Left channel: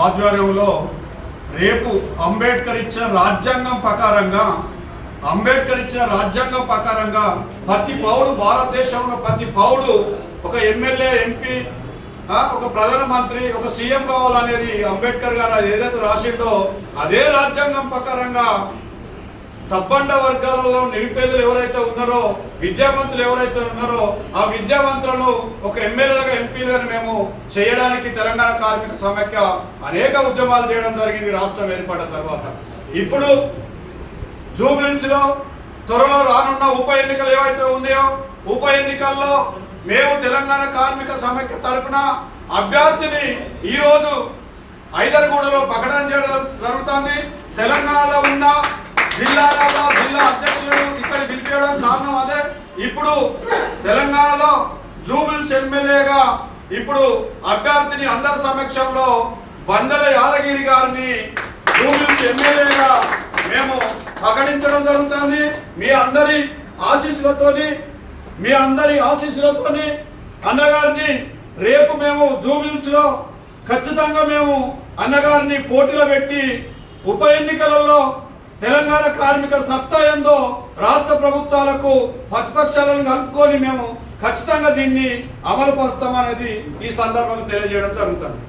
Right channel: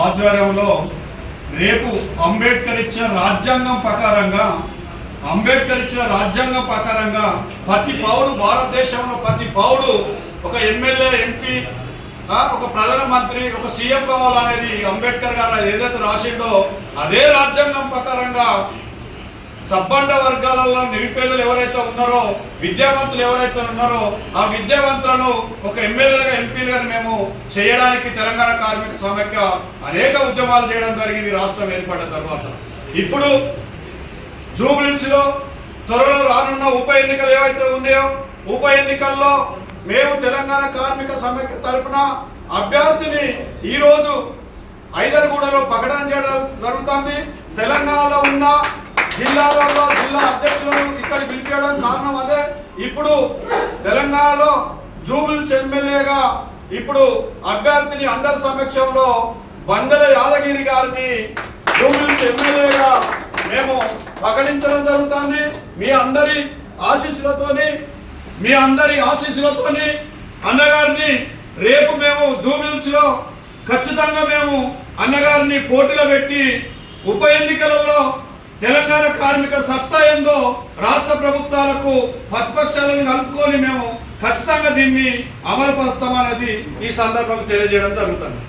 ఆధ్వర్యంలో రేపు అంబేద్కర్ ఇచ్చిన రాజ్యాంగం ప్రకారంగా అంబేద్కర్ ఇచ్చిన రాజ్యాంగం ప్రకారంగా ప్రతి పౌరు భారతదేశంలో ప్రతి పౌరుడు ఒక ఎమ్మెల్యే ఎంపీ ఒక ప్రధానమంత్రి ఒక సీఎం కావాలనేది అంబేద్కర్ గారు ఏదైతే రాసిండో అదే రాజ్యాంగం ప్రకారంగా సబ్బండ వర్గాలలో నిరుపేదలు ఎవరైతే ఉన్నారో విద్యావంతులు ఎవరైతే ఉన్నారో ఆ విద్యావంతులను ఒక ఎమ్మెల్యేలుగా ఎంపీలుగా మేము చేయడానికి తెలంగాణ కార్మిక సమైక్య అనేక ఉద్యమాలు చేయడం జరిగింది రాష్ట్రం ఏర్పడిన తర్వాత. ఇప్పుడు జూబ్లీస్ త్వరలో రానున్న ఉప ఎన్నికలు ఏవైతే ఉన్నాయో ఉప ఎన్నికల్లో మేము తెలంగాణ కార్మిక సమైక్య తరపున అభ్యర్థిని ఈరోజు ఐదరగూడలో ప్రకటన చేయడం జరుగుతుంది. తెలంగాణలో ఉన్న జిల్లాలలో జిల్లా అధ్యక్షులను ఇక్కడ పిలిపించడం కారణం అదే. ఇప్పుడు తెలంగాణలో జూబిల్స్ ఎమ్మెల్యేగా ఇప్పుడు అభ్యర్థిని అందరి సమక్షంలో బందల యాదగిరి గారిని జూబిల్స్ ఎమ్మెల్యేగా మేము ప్రకటించడం జరుగుతుంది. మీ అందరి ఆశీస్సులతోని మీ అందరి ఆశీస్సులతోని అన్నగారిని రేపు మేము జూబిల్స్లో ఖచ్చితంగా మేము అన్నగారిని పోటీలో పెట్టి ఉప ఎన్నికలలో తెలంగాణ కార్మిక సత్తా ఏందో రాష్ట్ర ప్రభుత్వాలకు ప్రతిపక్షాలను కలుపుకొని మేము ఖచ్చితంగా దీన్ని అమలుపరుస్తామనేది ఈ సందర్భంగా తెలియజేయడం జరుగుతుంది.